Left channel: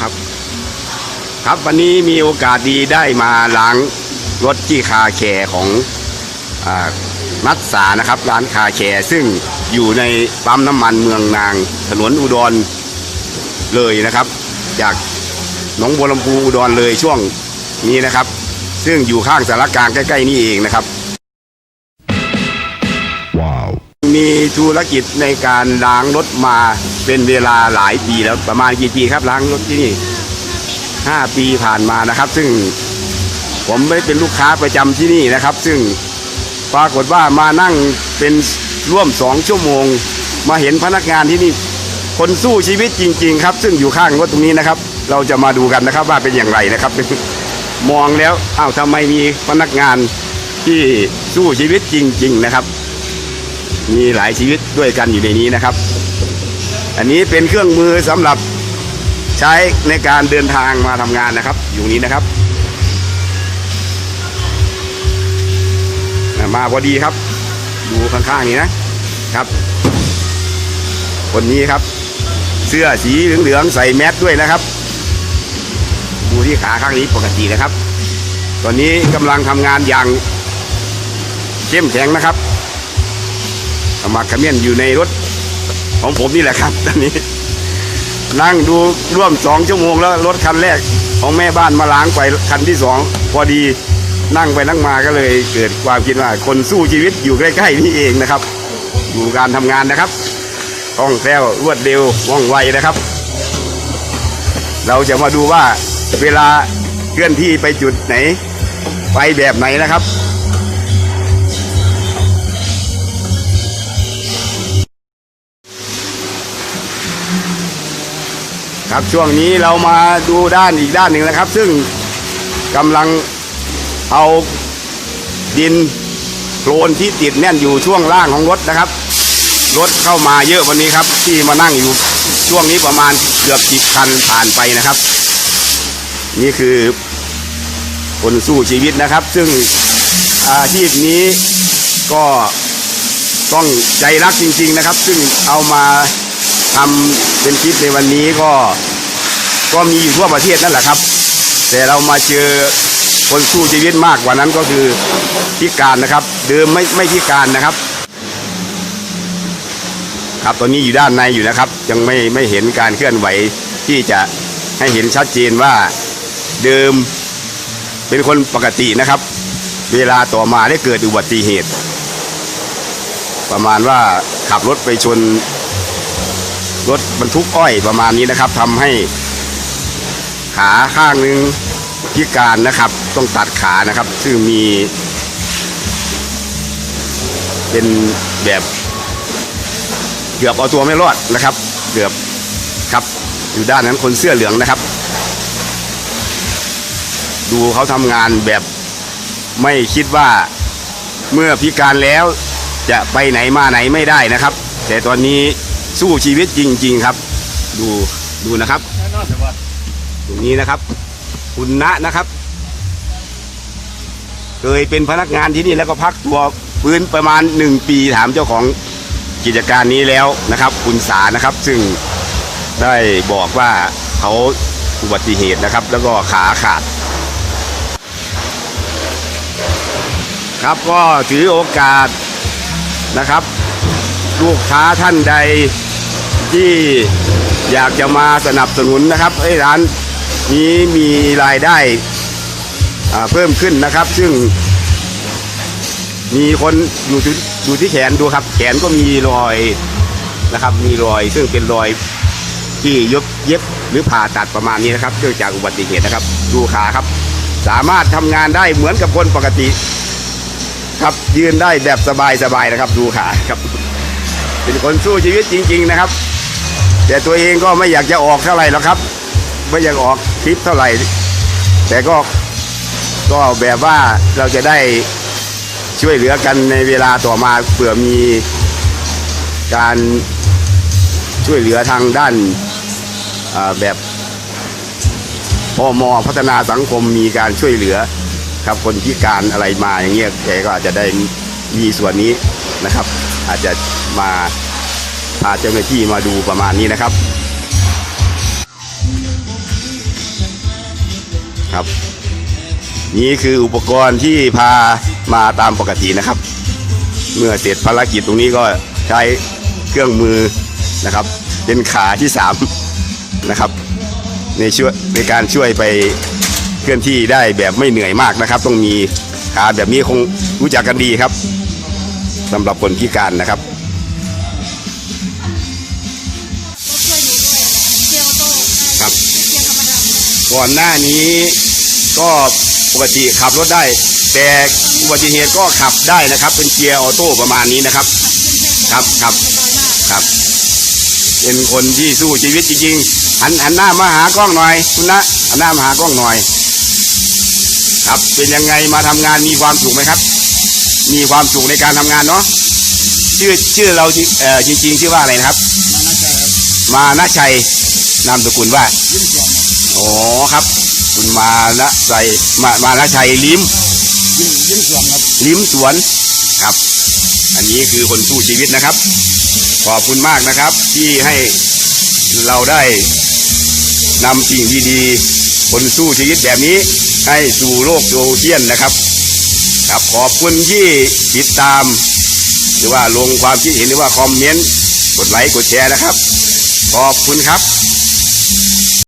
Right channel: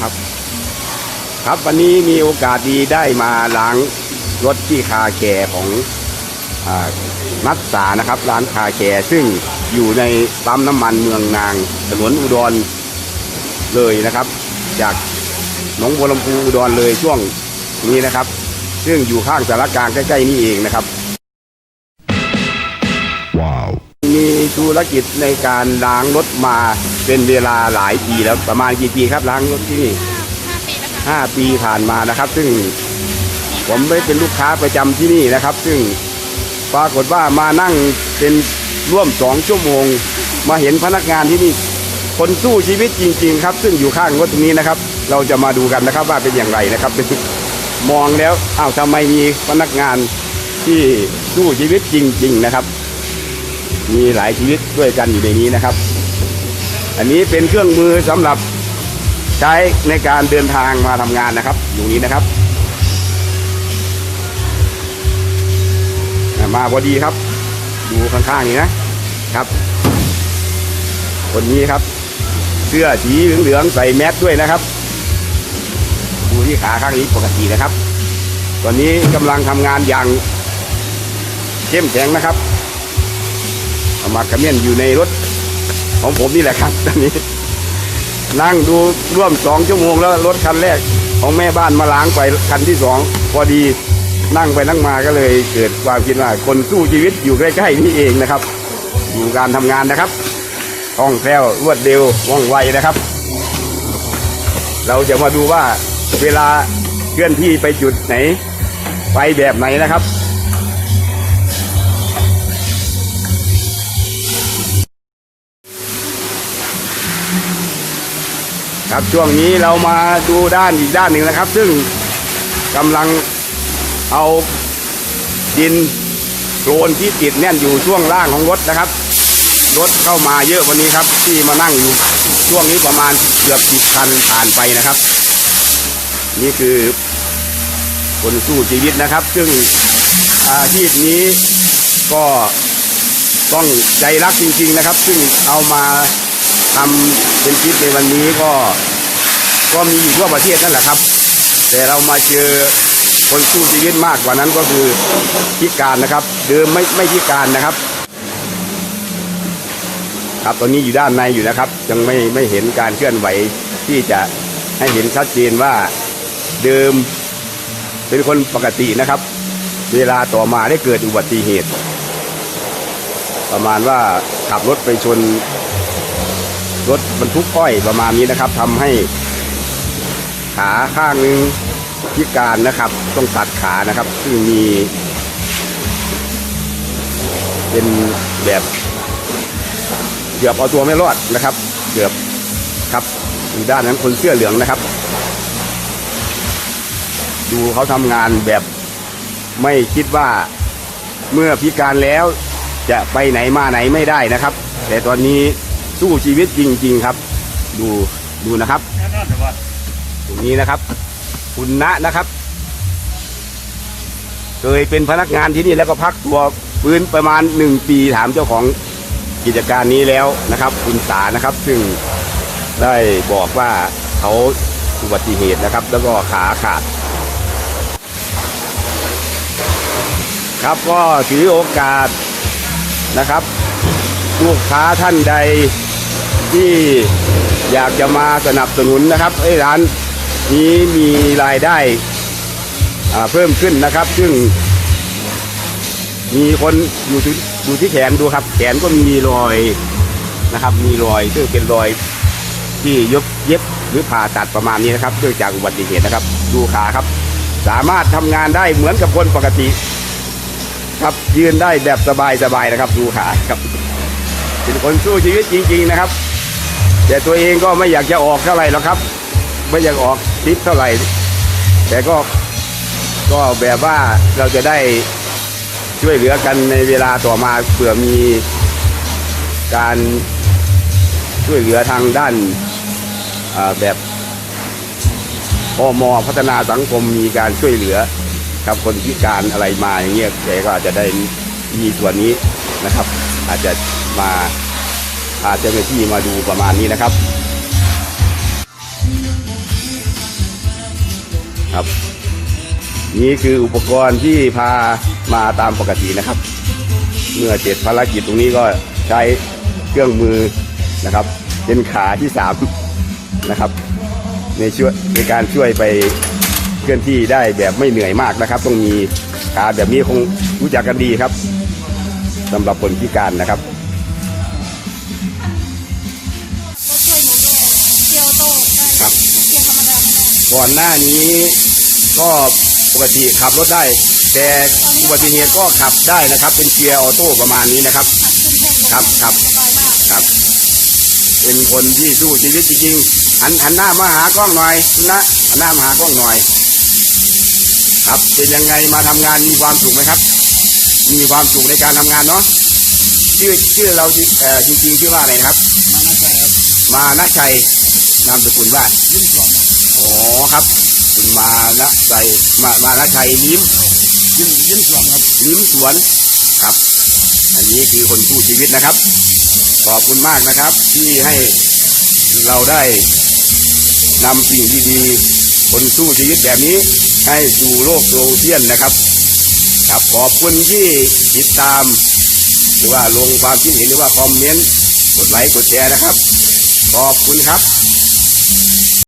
ครับ ครับวันนี้มีโอกาสดีได้มาล้างรถที่คาแคร์ของอมัตสานะครับ ร้านคาแคร์ซึ่งอยู่ในปั๊มน้ำมันเมืองนางถนนอุดรเลยนะครับ จากหนองบัวลำพูอุดรเลยช่วงนี้นะครับ ซึ่งอยู่ข้างสารกลางใกล้ๆนี่เองนะครับ มีธุรกิจในการล้างรถมาเป็นเวลาหลายปีแล้วประมาณกี่ปีครับล้างรถที่นี่ห้าปีผ่านมานะครับ ซึ่งผมไม่เป็นลูกค้าประจำที่นี่นะครับ ซึ่งปรากฏว่ามานั่งเป็นร่วมสองชั่วโมง มาเห็นพนักงานที่นี่ คนสู้ชีวิตจริง ๆ ครับ ซึ่งอยู่ข้างรถตรงนี้นะครับ เราจะมาดูกันนะครับว่าเป็นอย่างไรนะครับมองแล้วอ้าวทำไมมีพนักงานที่สู้ชีวิตจริง ๆ นะครับ มีหลายชีวิตด้วยกันอยู่ในนี้นะครับ อันนี้เป็นเครื่องมือสำหรับใช้ในการเดินทางมาทำงานนะครับ อยู่นี้นะครับ มาพอดีครับ ดูข้างๆนี้นะครับ คนนี้ครับ เสื้อสีเหลืองๆใส่แมสด้วยนะครับ ดูที่ขาข้างนี้ปกตินะครับ ตอนนี้กำลังทำงานอย่างเข้มแข็งนะครับ เอามาขมิ้นอยู่ในรถของผมนี่แหละครับตอนนี้ นั่งดูร่วมสองชั่วโมงแล้วรถคันแรกของแม่บ้านมาล้างไปคันที่สองพอดีนั่งไปนั่งมาก็เลยเกิดความคิดว่า คนสู้ชีวิตอยู่ใกล้ๆนี่เองนะครับดูการทำงานนะครับคล่องแคล่วรวดเร็วว่องไวนะครับ เราจะมาดูว่าเวลาเคลื่อนที่ไปจุดไหน ไปแบบไหนนะครับ ครับช่วงนี้เรามาดูด้านอีกด้านหนึ่งนะครับ ซึ่งกำลังเอาดินโคลนที่ติดแน่นอยู่ช่วงล่างของรถนะครับ รถเข้ามาเยอะวันนี้ครับ ที่มานั่งอยู่ช่วงนี้ประมาณเกือบสิบคันผ่านไปนะครับ นี่คือคนสู้ชีวิตนะครับ ซึ่งอาชีพนี้ก็ต้องใจรักจริง ๆนะครับ ซึ่งเอามา ทำเป็นคลิปในวันนี้ก็ก็มีอยู่ทั่วประเทศนั่นแหละครับ แต่เรามาเจอคนสู้ชีวิตมากกว่านั้นก็คือพิการนะครับ เดิมไม่ไม่พิการนะครับ ครับตอนนี้อยู่ด้านในอยู่นะครับ ยังไม่ไม่เห็นการเคลื่อนไหวที่จะให้เห็นชัดเจนว่าเดิมเป็นคนปกตินะครับ เวลาต่อมาได้เกิดอุบัติเหตุ ประมาณว่าขับรถไปชน รถบรรทุกอ้อยประมาณนี้นะครับทำให้ขาข้างหนึ่งพิการนะครับ ต้องตัดขานะครับ ซึ่งมี เป็นแบบเกือบเอาตัวไม่รอดนะครับเกือบครับอยู่ด้านนั้นคนเสื้อเหลืองนะครับ ดูเขาทำงานแบบไม่คิดว่าเมื่อพิการแล้วจะไปไหนมาไหนไม่ได้นะครับ แต่ตอนนี้ สู้ชีวิตจริง ๆ ครับ ดูดูนะครับ ตรงนี้นะครับ คุณณะนะครับ เคยเป็นพนักงานที่นี่แล้วก็พักตัวฟื้นประมาณหนึ่งปีถามเจ้าของกิจการนี้แล้วนะครับ คุณสานะครับ ซึ่งได้บอกว่าเขาอุบัติเหตุนะครับ แล้วก็ขาขาด ครับก็ถือโอกาสนะครับ ลูกค้าท่านใด ที่อยากจะมาสนับสนุนนะครับให้ร้านนี้มีรายได้เพิ่มขึ้นนะครับ ซึ่ง มีคนอยู่ที่อยู่ที่แขนดูครับ แขนก็มีรอยนะครับ มีรอยซึ่งเป็นรอยที่ยบเย็บหรือผ่าตัดประมาณนี้นะครับเนื่องจากอุบัติเหตุนะครับ ดูขาครับ สามารถทำงานได้เหมือนกับคนปกติ ครับยืนได้แบบสบายๆนะครับ ดูขาครับเป็นคนสู้ชีวิตจริง ๆ นะครับ แต่ตัวเองก็ไม่อยากจะออกเท่าไหร่หรอกครับ ไม่อยากออกคลิปเท่าไหร่ แต่ก็ก็แบบว่าเราจะได้ช่วยเหลือกันในเวลาต่อมาเผื่อมีการช่วยเหลือทางด้านแบบพมพัฒนาสังคมมีการช่วยเหลือครับคนพิการอะไรมาอย่างเงี้ยแกก็อาจจะได้มีส่วนนี้นะครับ อาจจะมา พาเจ้าหน้าที่มาดูประมาณนี้นะครับ ครับ นี่คืออุปกรณ์ที่พามาตามปกตินะครับ เมื่อเสร็จภารกิจตรงนี้ก็ใช้เครื่องมือนะครับ เป็นขาที่สามนะครับ ในช่วยในการช่วยไปเคลื่อนที่ได้แบบไม่เหนื่อยมากนะครับ ต้องมีขาแบบนี้คงรู้จักกันดีครับสำหรับคนพิการนะครับ ครับ ก่อนหน้านี้ก็ปกติขับรถได้ แต่อุบัติเหตุก็ขับได้นะครับ เป็นเกียร์ออโต้ประมาณนี้นะครับ ครับครับครับ เป็นคนที่สู้ชีวิตจริงๆหันหันหน้ามาหากล้องหน่อยคุณนะหันหน้ามาหากล้องหน่อย ครับเป็นยังไงมาทำงานมีความสุขไหมครับ มีความสุขในการทำงานเนาะชื่อชื่อเราเอ่อจริงๆชื่อว่าอะไรนะครับ มาน่าจะครับมานะชัย นามสกุลว่ายิ้มสวมครับอ๋อครับ คุณมานะใจมามานะชัยลิ้มยิ้มยิ้มสวมครับลิ้มสวนครับ อันนี้คือคนสู้ชีวิตนะครับ ขอบคุณมากนะครับ ที่ให้เราได้นำสิ่งดีๆคนสู้ชีวิตแบบนี้ให้สู่โลกโซเชียลนะครับ ครับขอบคุณที่ติดตาม หรือว่าลงความคิดเห็นหรือว่าคอมเมนต์กดไลค์กดแชร์นะครับ ขอบคุณครับ